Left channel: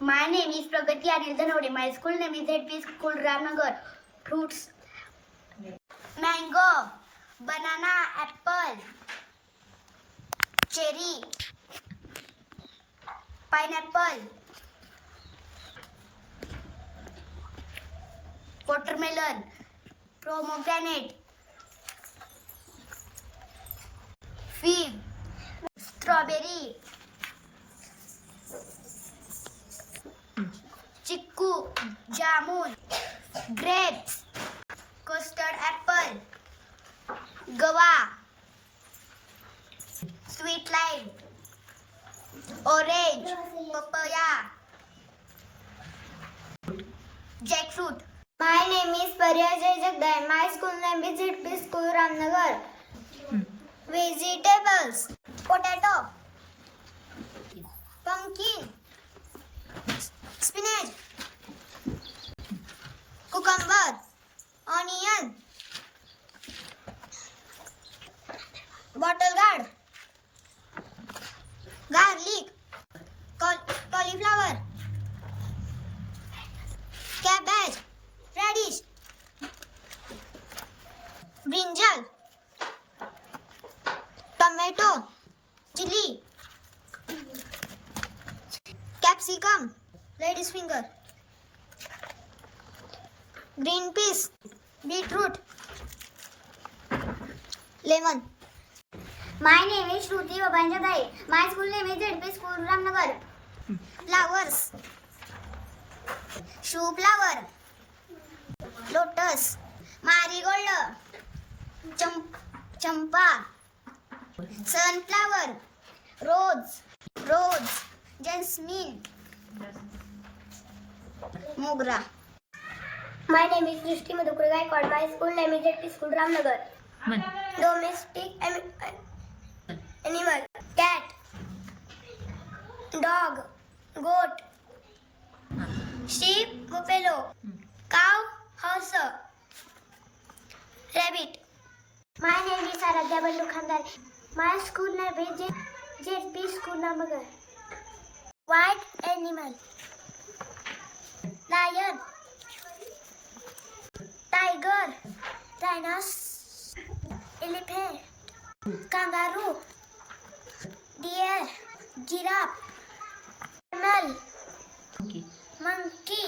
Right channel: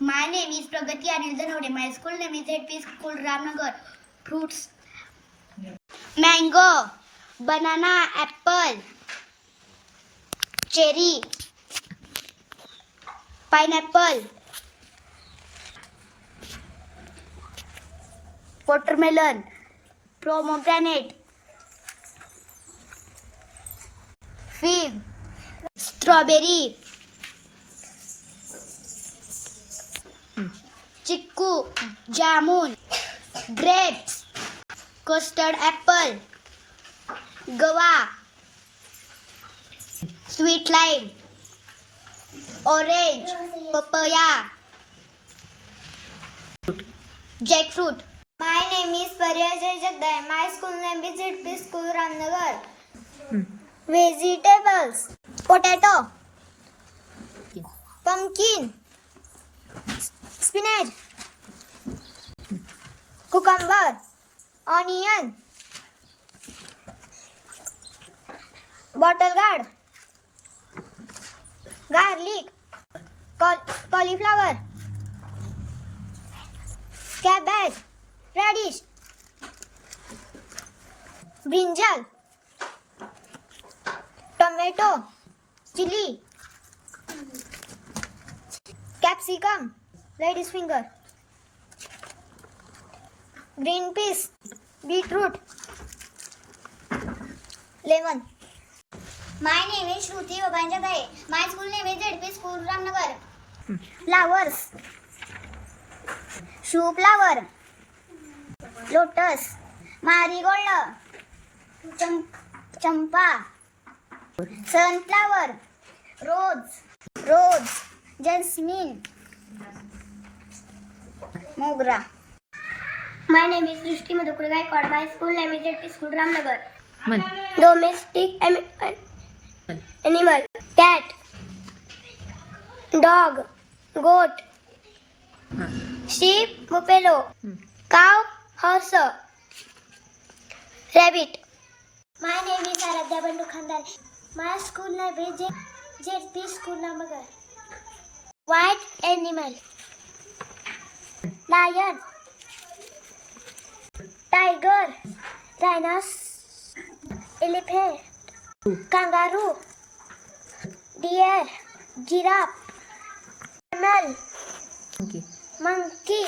My name is Pragati Anil Dhanode. My school name is ZP School Ramnagar. Fruits: mango, banana, apple, cherry, pineapple, watermelon, pomegranate, fig, strawberry, chiku, jamun, grapes, custard apple, guava, sweet lime, orange, papaya, jackfruit. My name is Pariyajay Jagday. My school name is ZP School Ramnagar. Vegetables: potato, pumpkin, spinach, cucumber, onion, bottle gourd, garlic, cauliflower, cabbage, radish, brinjal, tomato, chili, capsicum, lady's finger, green peas, beetroot, lemon. My name is Shruti Babanjagay. My school name is ZP School Ramnagar. Flowers: shoe flower, lotus, marigold, champa, sunflower, rose, jasmine, mogra. My name is Srishti Madhukar Gaikwad. My school name is ZP School Ramnagar. Domestic animal: cat, dog, goat, sheep, buffalo, cow, horse, rabbit. My name is Aradhya Ballu Khandal. My school name is ZP School Ramnagar. White animal: lion, tiger, rhinoceros, elephant, kangaroo, deer, giraffe, camel, monkey,